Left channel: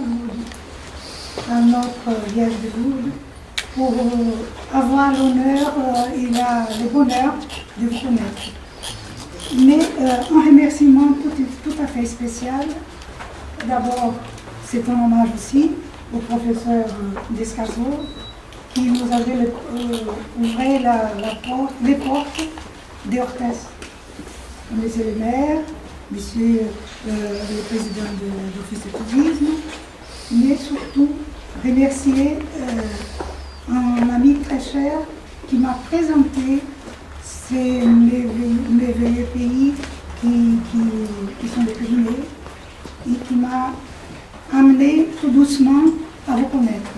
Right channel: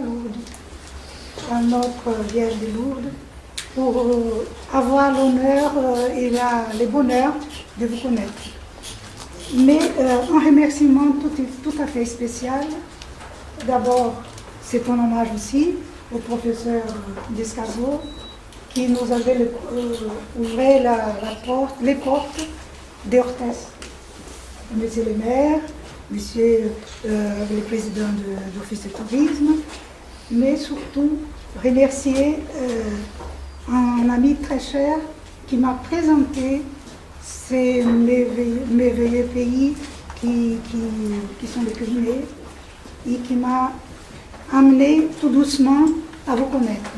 Lourdes, à notre Vierge de Lourdes, pour avoir l'honneur et le bonheur de vous connaître. Mais un remerciement tout à fait spécial. D'abord, c'est un hommage aussi au professeur Descazeaux qui nous avait ouvert les portes d'Orthès. Monsieur le maire, monsieur le président de l'Office de tourisme, mais surtout remercier un ami très cher qui m'a présenté ces merveilleux pays qui sont les Pyrénées et qui m'a amené tout doucement à vous connaître.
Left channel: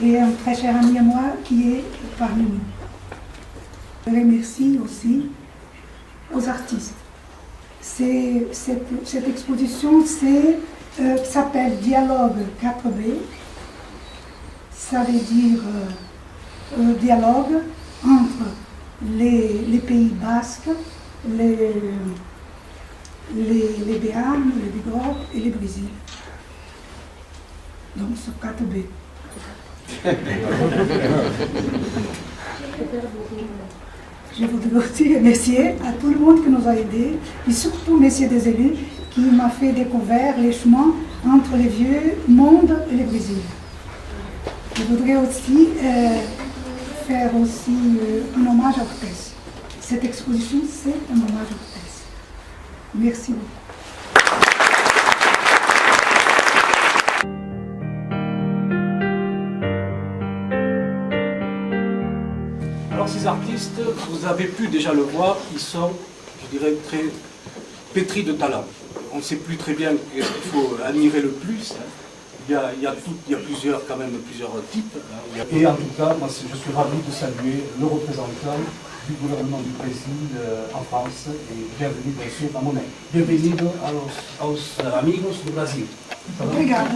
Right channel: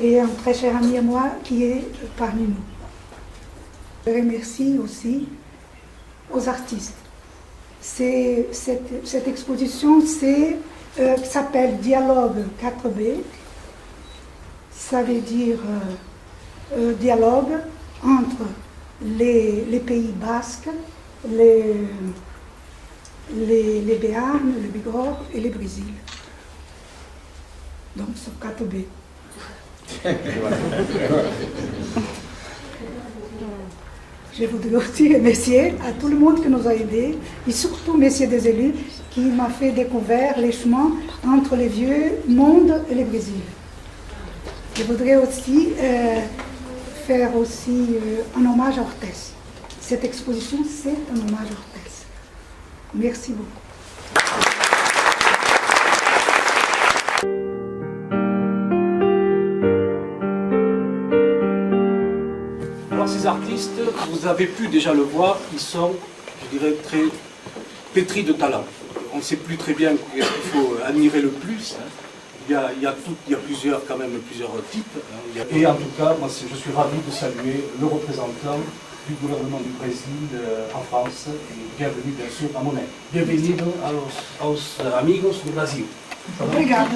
Et un très cher ami à moi qui est parmi nous. Je remercie aussi aux artistes. Cette exposition s'appelle Dialogue 4B. Ça veut dire dialogue entre les pays basques, les Béarn, le Bigorre et le Brésil. Donc sur 4B. Je voudrais aussi remercier à tout le monde qui nous a aidés, et surtout messieurs des élus qui m'a fait découvrir les chemins entre le vieux monde et le Brésil. Je voudrais aussi faire aussi un hommage à Orthès. Cette exposition, c'est un hommage à Orthès. Merci beaucoup. Alors ces artistes, vous avez pu déjà le voir, ils sont, je dirais, très pétris de talent. On ne sait plus très bien qu'est-ce qu'il faut admirer le plus. Il y a quand même plusieurs types. Et en tout cas, moi, je suis ravi de saluer le représentant du gouvernement du Brésil en France et bienvenue bien sûr à Monet. Bienvenido aos amigos do Brasil. Obrigada.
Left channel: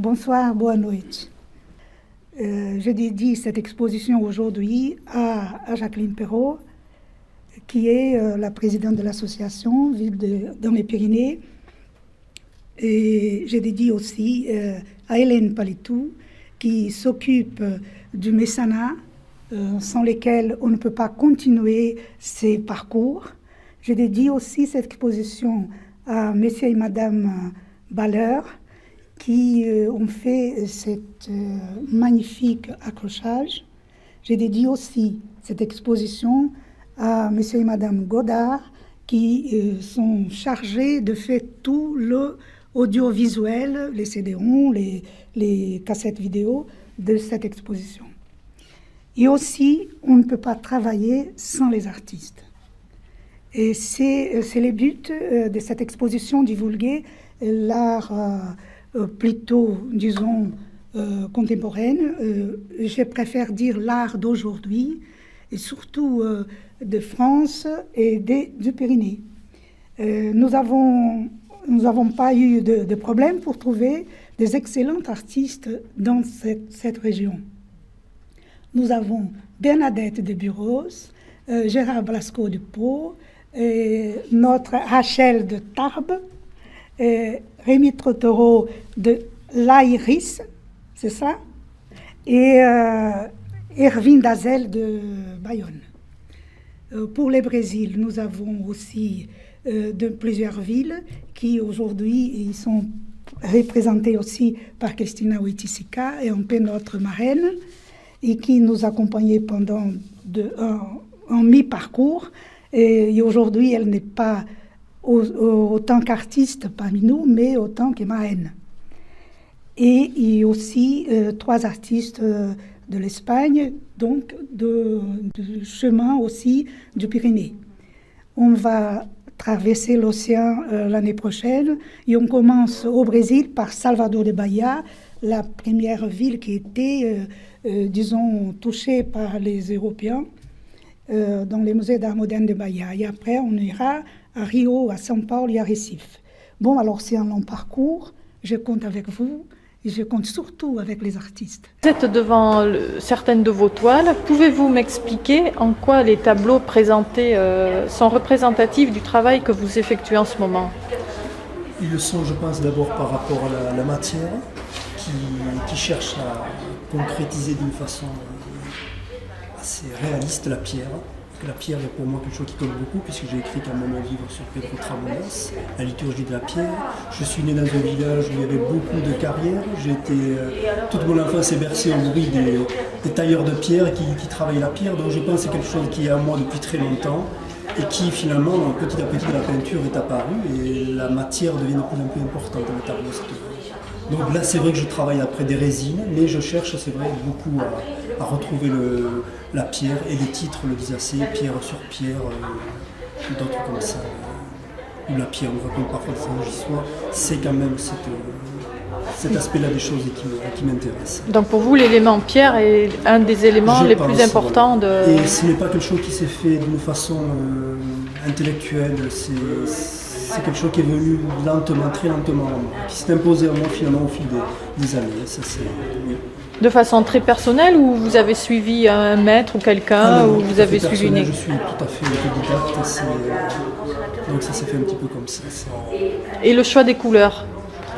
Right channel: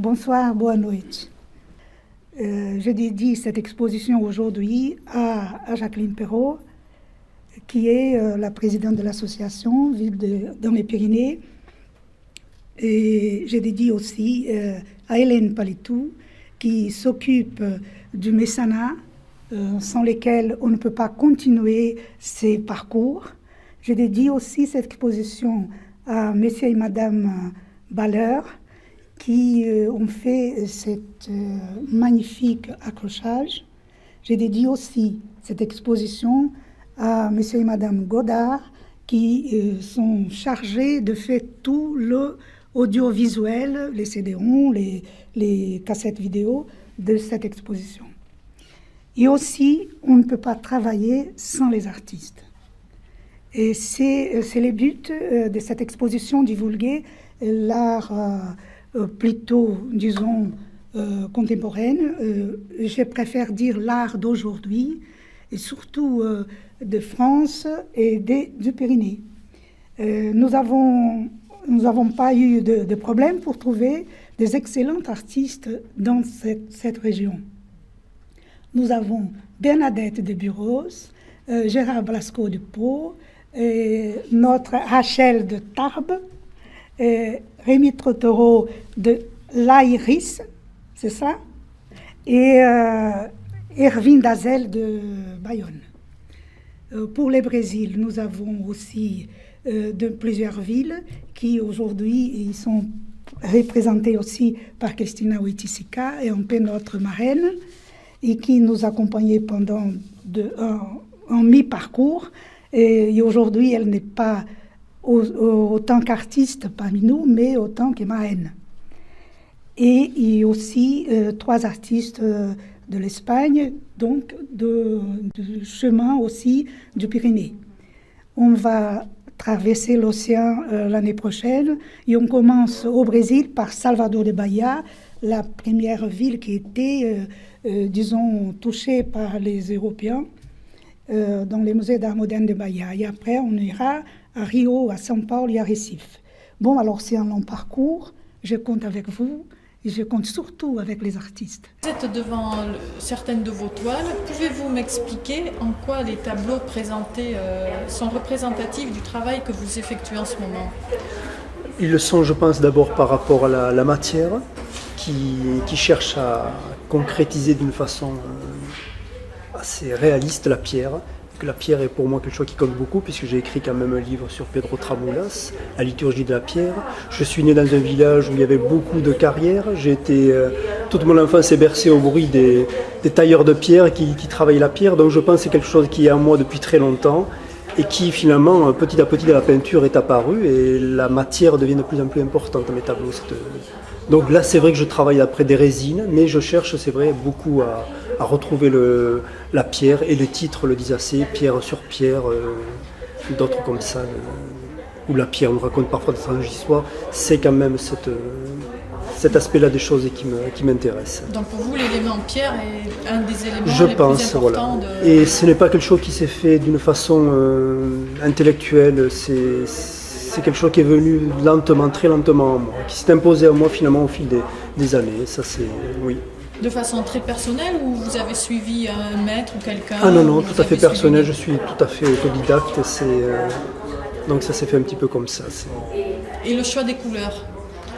Bonsoir, boa noite. Je dédie cette exposition aujourd'hui à Jacqueline Perrault, qui est la présidente de l'association dans les Pyrénées. Et je dédie aussi à Hélène Palitou qui s'occupent du mécénat, sans lesquels on ne peut pas continuer ces parcours. Je dédie aussi cette exposition à Monsieur et Madame Baller, qui ont fait cet magnifique accrochage. Je dédie aussi cette exposition à Monsieur et Madame Godard, qui sont chargés de faire tout l'audiovisuel, les CD-ROM, les cassettes vidéo de cette exposition. Et aussi, on ne peut pas travailler sans les artistes. Et c'est le but de cette exposition, divulguer l'art plutôt, disons, contemporaine. Je préfère dire l'art d'aujourd'hui, et surtout de France et du Pyrénées. Nous n'avons pas eu de problème pour trouver des excellents artistes dans cette région. Nous avons Bernadette de Buros, Gérard Blasco de Pau, notre Rachel de Tarbes, Rémi Trottereau de l'Aïris, c'est ça, et Erwin Dazel de Bayonne. Pour le Brésil, nous avons aussi de plusieurs villes qui aujourd'hui sont représentées aussi par Cristina Wojtysica et un peu notre marraine, et qui nous accompagnait pendant un mi-parcours. Et aujourd'hui, elle n'est pas autant qu'artiste parmi nous, mais autant que marraine. Et il y a aussi 3 artistes de l'Espagne, donc du chemin aussi du Pyrénées. On va traverser l'océan l'année prochaine et on commence au Brésil par Salvador de Bahia, la première ville qui était, disons, touchée par les Européens dans les musées d'art moderne de Bahia. Et après, on ira à Rio, à São Paulo et à Recife. Bon, alors c'est un long parcours, je compte avec vous. Et je compte surtout avec les artistes. Vous êtes devant certaines de vos toiles. Pouvez-vous m'expliquer en quoi les tableaux présentés sont représentatifs du travail que vous effectuez en ce moment? Ils le sont, je pense, d'abord par rapport à la matière, qui cherche à concrétiser d'une façon assez réaliste la pierre. Que la pierre est pour moi quelque chose qui compte beaucoup, puisque j'ai écrit quand même un livre sur Pedro Tramulas, la liturgie de la pierre. Je suis né dans un village où il y avait beaucoup de carrières. J'ai été, toute mon enfance est bercée au bruit des tailleurs de pierre qui travaillent la pierre. Donc je pense que c'est quelque chose qui est à moi depuis très longtemps et qui finalement, petit à petit, dans la peinture est apparu et la matière devient de plus en plus importante dans mes tableaux. Donc là, c'est vrai que je travaille après des résines, mais je cherche, c'est vrai, beaucoup à retrouver la pierre, et le titre le disent assez, pierre sur pierre, d'autres comme ça, où la pierre nous raconte parfois d'étranges histoires. C'est quand même cet aspect-là des choses qui m'intéresse. Donc pour vous, l'élément pierre est un des éléments les plus importants voilà. Et ce n'est pas quelque chose qui s'est fait d'une façon intellectuelle, c'est quelque chose qui est venu lentement, très lentement à moi, qui s'est imposé à moi finalement au fil des années, ça c'est, oui. De façon très personnelle, ou vous avez suivi un maître ou quelqu'un? Ah non, tout à fait personnel, je suis tout à fait autodidacte, donc ça s'est fait un petit peu comme ça. Et le choix des couleurs?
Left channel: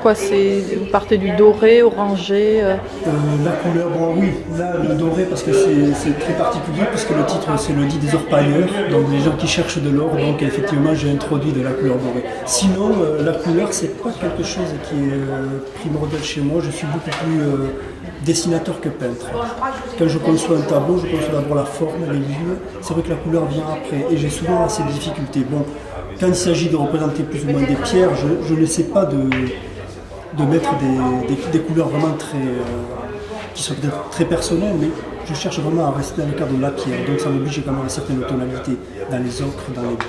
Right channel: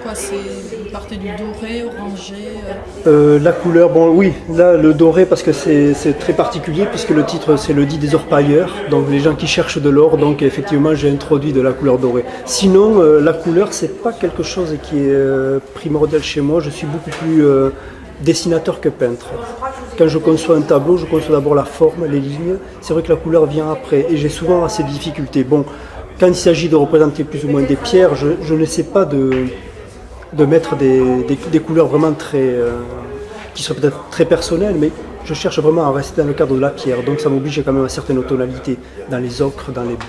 Pourquoi vous partez du doré, orangé La couleur, bon oui, là le doré parce que c'est très particulier puisque le titre c'est le dit des orpailleurs, donc les gens qui cherchent de l'or, donc effectivement j'ai introduit de la couleur dorée. Sinon la couleur c'est pas quelque chose qui est primordial chez moi, je suis beaucoup plus dessinateur que peintre. Quand je conçois un tableau, je conçois d'abord la forme, les lignes, c'est vrai que la couleur vient après et j'ai souvent assez de difficultés. Bon, quand il s'agit de représenter plus ou moins des pierres, je ne sais pas de mettre des couleurs vraiment qui sont peut-être très personnelles, mais je cherche vraiment à rester dans le cadre de la pierre, donc ça m'oblige quand même à certaines tonalités, dans les ocres, dans les baies.